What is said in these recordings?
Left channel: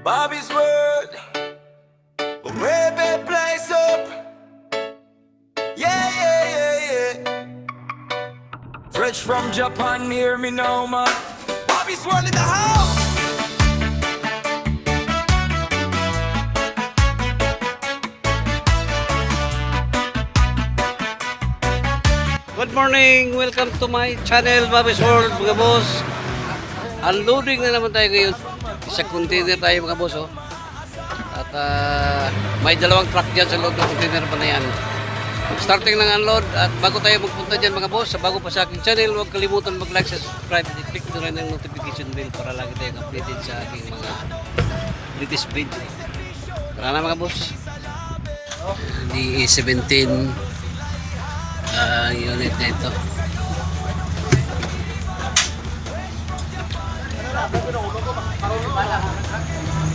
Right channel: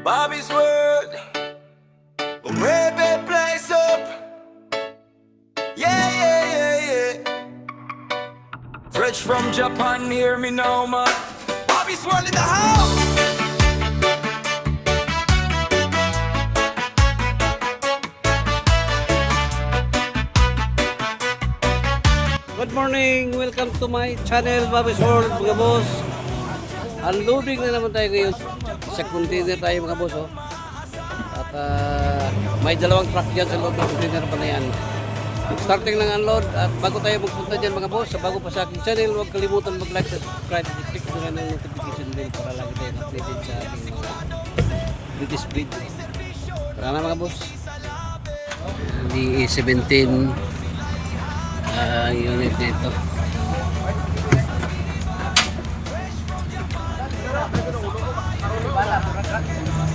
Bobby's World, a way better place up. Yeah, yeah, yeah, yeah. Fresh from Japan, hear me now, man. Bobby's World in the house. Good morning! Welcome to my channel, Bobby's World, mga boss. Unloading na naman tayo ngayon. Sa container tayo, mga boss. Oh. At may dalawang truck dyan sa loob ng container pa na yan. Starting ng unload. At bago tayo magpunta dyan, mga boss, bago pa sa aking channel, huwag kalimutan mag-like, subscribe, at i-click nyo rin ang notification bell para lagi tayong updated sa aking mga latest video. Tara na, mga boss. Di 17 unit na ito.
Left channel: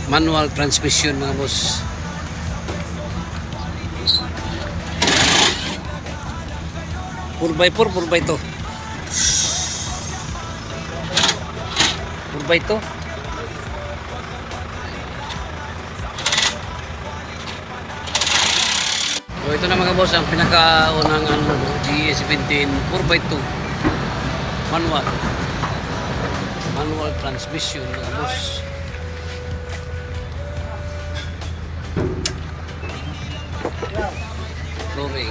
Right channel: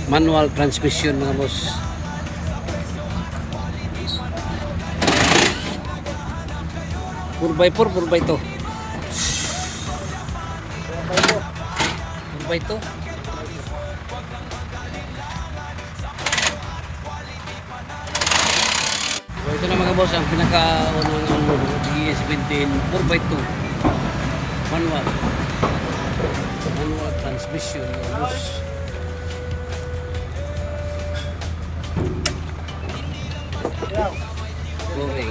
Manual transmission, mga boss. Four by four to. 4x2. So ito na, mga boss, ang pinakaunang unload, GE17 4x2 manual transmission, mga boss. Going.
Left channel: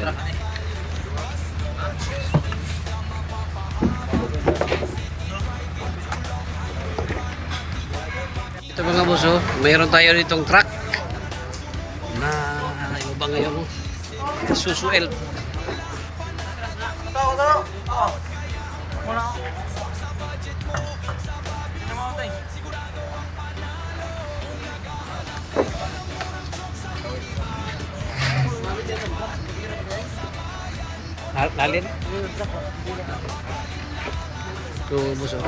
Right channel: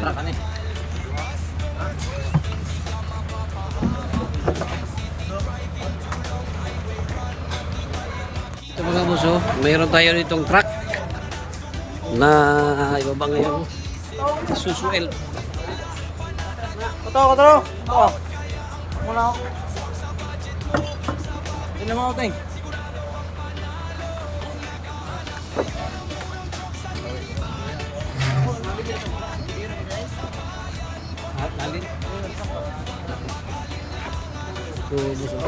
Ito, mga boss, oh, mayroon tayo ditong truck na ibaba ngayon. Susu Elf. Katro. Oh. Muna ako. Hindi naman ako, Teng. Lalin. Ito, buso.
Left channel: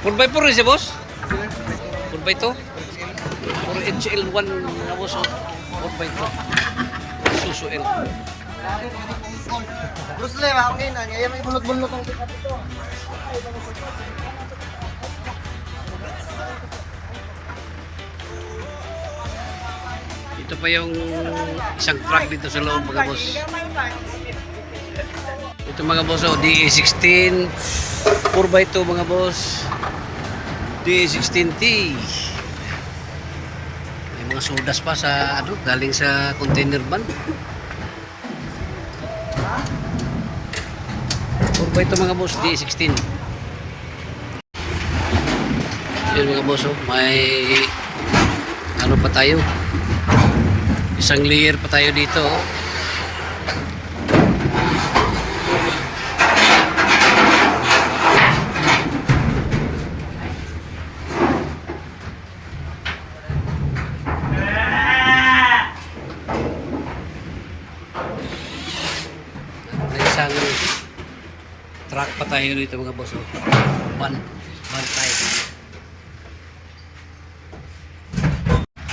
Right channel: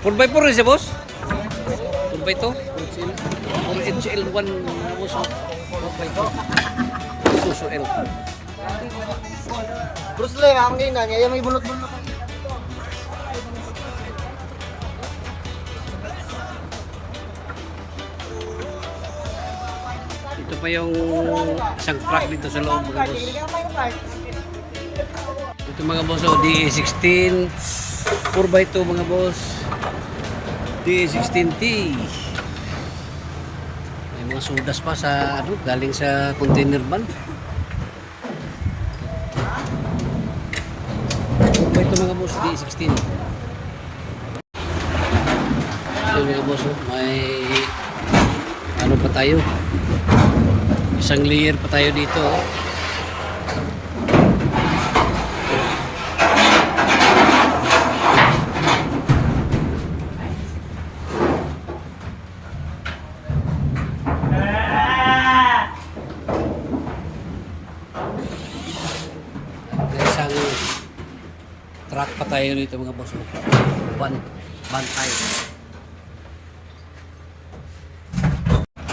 Four by four siya, boss? 4x2? 4HL1, mga boss. 4x2. Susu L. Bruce Lee, ako ngayon na. Ngayon may bulot-bulot ang Ito pa yung isang truck dito sa loob, mga boss. Ito, mga boss, oh, DE16 4x2, mga boss. DE16T. May mga sudas pa sa galing sa container van. 4x2, mga boss, DE16. Yan, mga boss, oh, may pa tayo. Isang layer pa tayo dito, oh. Isang truck pa tayo dito, mga boss, oh. Bantay.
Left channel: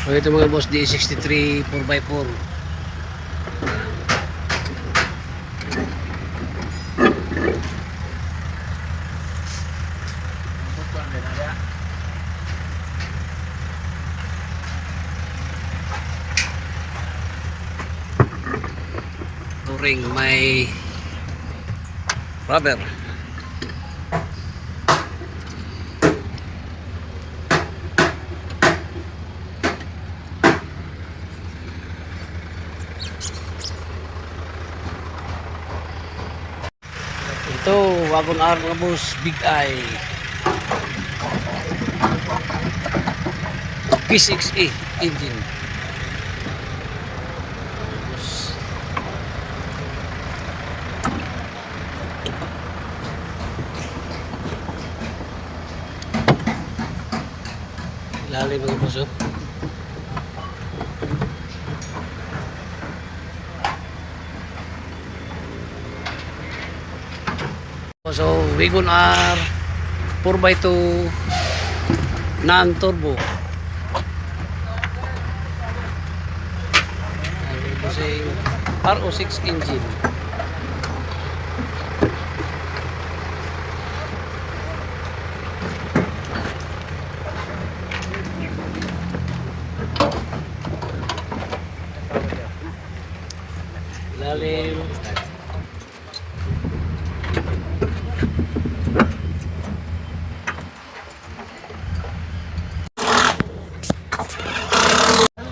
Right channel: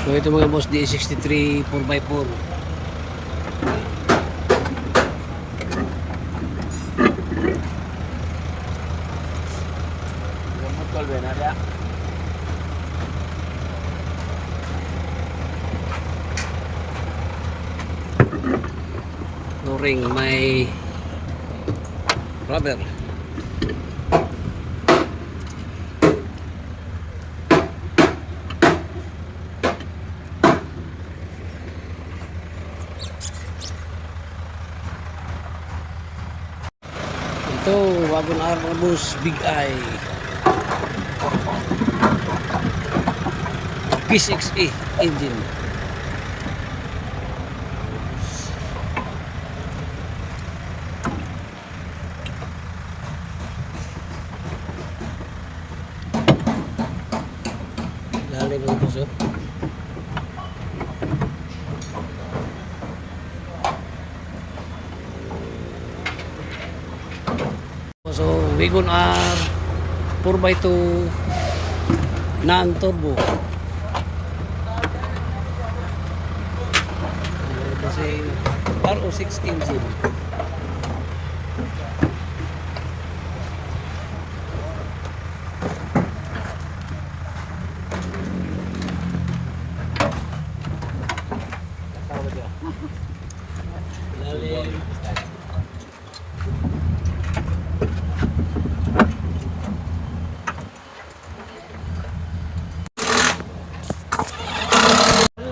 So ito, mga boss, D63 4x4. Ring may rubber. Ito, wagon R, mga boss, Big Eye P6A engine. Lalim, mga boss, oh. So, Wagon R 4x2 non-turbo. Busing RO6 engine. Lalim.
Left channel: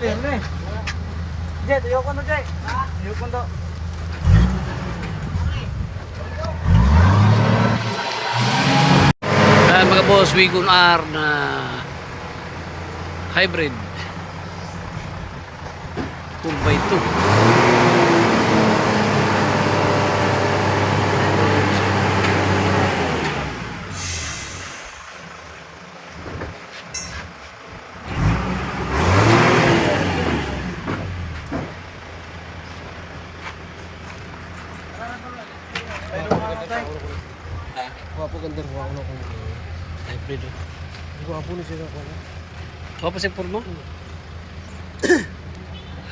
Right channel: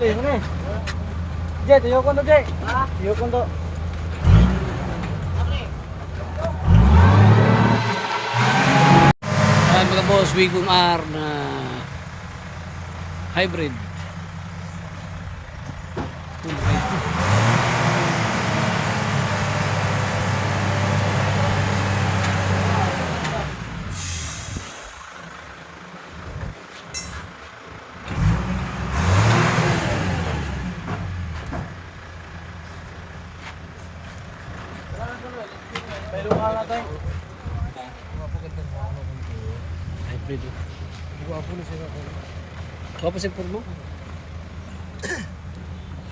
Ano eh? Jet, ayoko na, Jet. Ha? Ayoko na. Yan mga boss, Wigon R na hybrid 4x2. Pero mga natin. Wapo ganda rin ako na. Hybrid oh. Wapo na sila. Apa sih Purmo?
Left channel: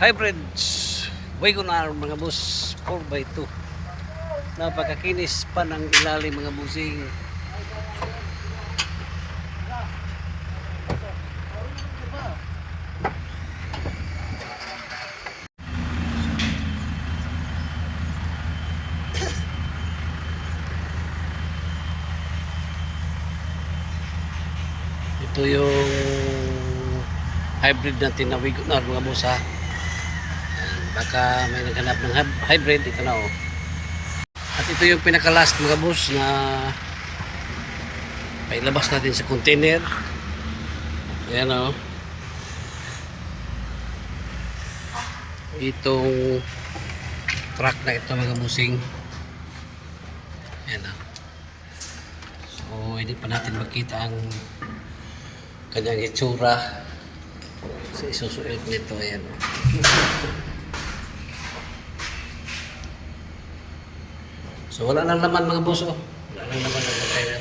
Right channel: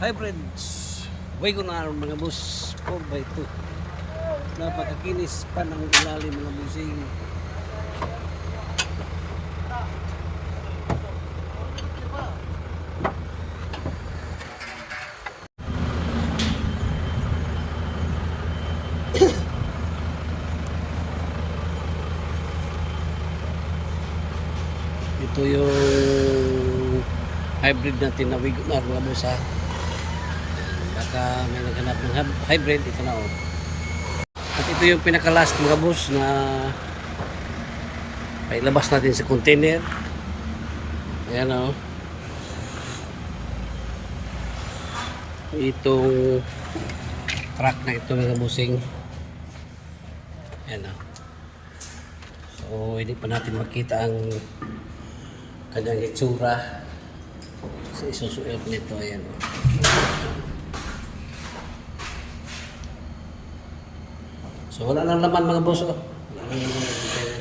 Hybrid Wigon R mga boss 4x2. Napakakinis pa ng ilalim mga busing. Ito yung hybrid natin na Wigon R mga boss ha. Yan, baka may naghanap ng hybrid, ito na oh. At ito yung pinaka-last mga boss na pailabas natin sa container. Ayan oh. Itong truck na ito mga bossing. Ayan oh. So hindi pa natin makita ang kanyang itsura sa isusuot nito. Ayan o. So wala lang naman mga boss oh. Wala lang naman ang container.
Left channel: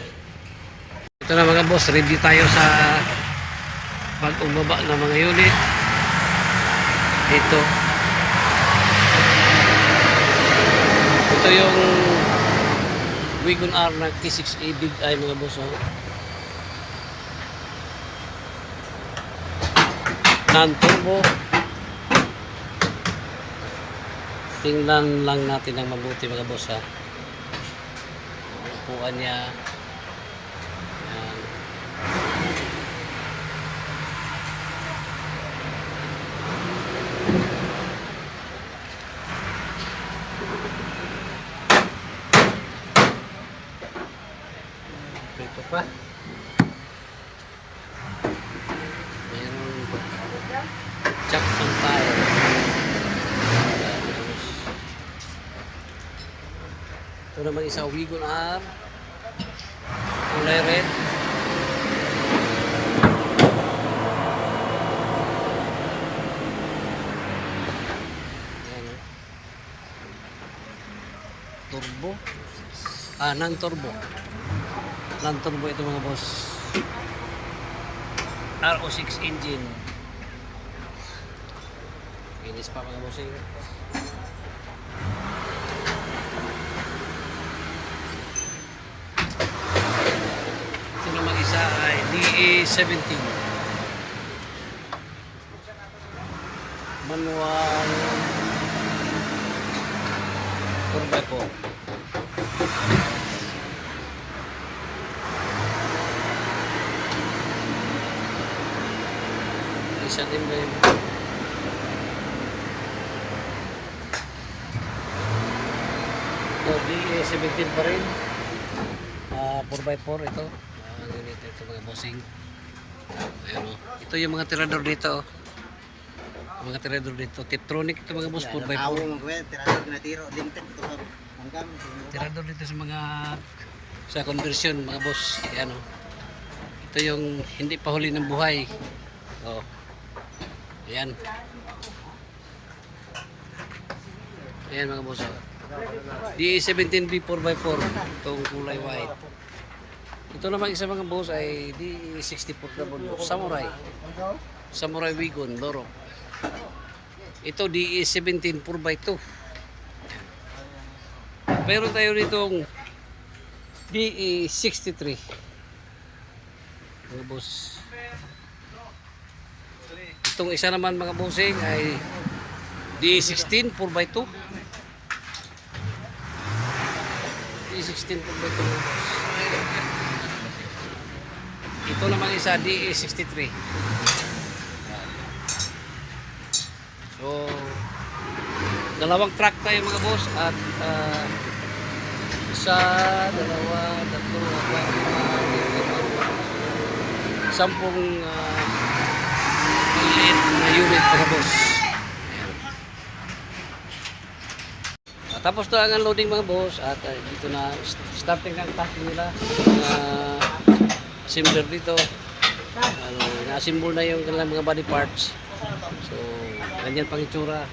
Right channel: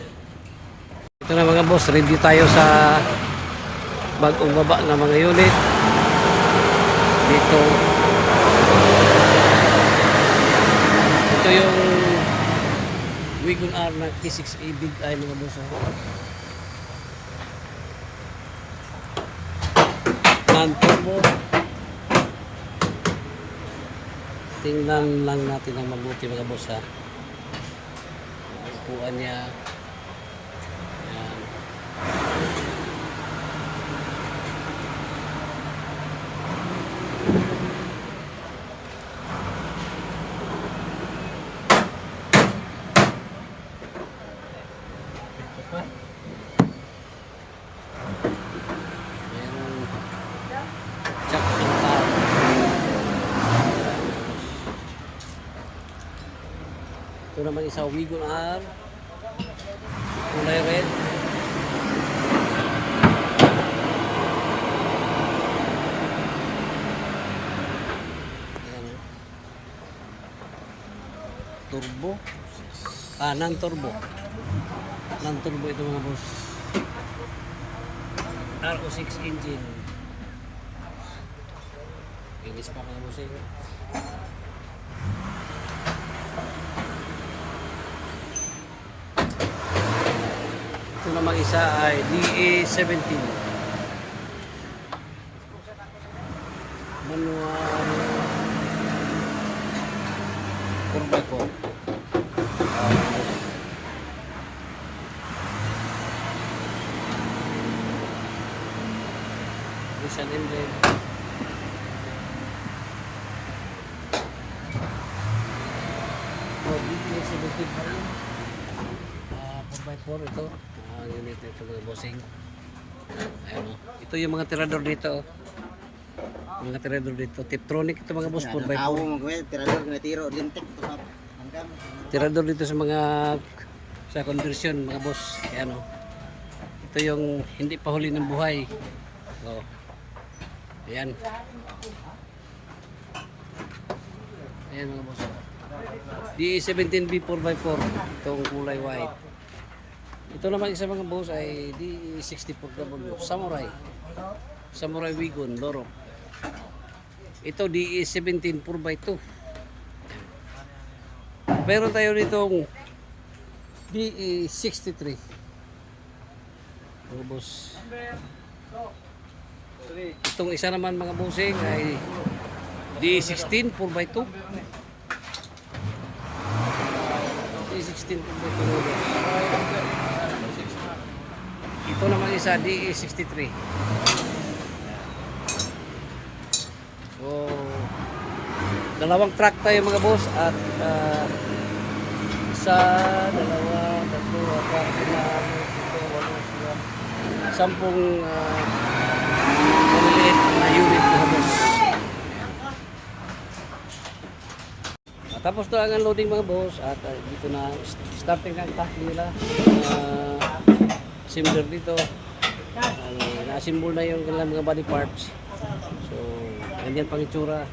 Ito na mga boss, review tayo sa bagong baba na mga unit dito. Ito yung Wigon R na K6A Big Eye mga boss oh. Non-turbo. Tingnan lang natin ang mabuti mga boss ha. Ang upuan niya. Yan. Ito pa. Merong check ang tire. Ito naman isa Wigon R. Kulay red. Ayan o. Turbo. Non-turbo. Non-turbo ito mga boss. RO6 engine. Inis pa mga bossing. Ito namang isa ay DA17 manual 4x4. Isang emblem. DA17 pa rin. 4x4 ito. Unit ito mga bossing. Ayan o. Ito yung mga tirador dito. Mga tirador dito. Tiptronic ito mga boss 4x4. Tirador na tiro, limtek to pa. Tirador dito sa mga sa conversion mga boss. Ayan o. Ito yung hindi pa huli ng buhay. O. Ayan. Ayan mga boss o. DA17B 4x4. Itong kulay white. Ito naman isa mga boss ay DE64W Samurai. Samurai Wigon Loro. Ito DE17 4x2. Meron tayo ditong DE63. Mga boss. Itong isa naman mga bossing ay DE16 4x2. DE16 4x2 mga boss. Ito naman isa DE63. So, dalawang track tayo mga boss at isa, dalawa, tatlo, apat, lima, ito, sampung maliliit na unit mga boss. Ayan. Tapos na ang unloading mga boss at dito na starting ng packing nila. Assembler dito. Na-assemble na yung kanilang mga body parts. So, ganyan pang itsura.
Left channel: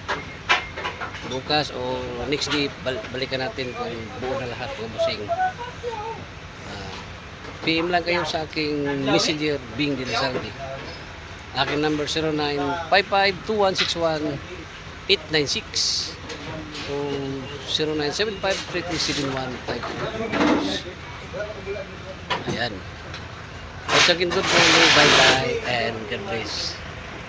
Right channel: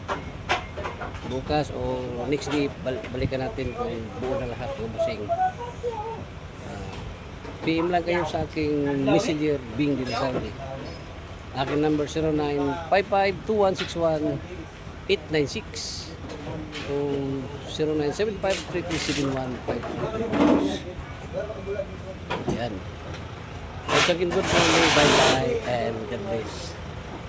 Bukas o next day balikan natin kung buo na lahat ng busing. PM lang kayo sa aking messenger Bing Dilisardi. Aking number 0955-2161-896 o 0975-3371-5. Ayan. Once again, good morning, bye-bye, and God bless.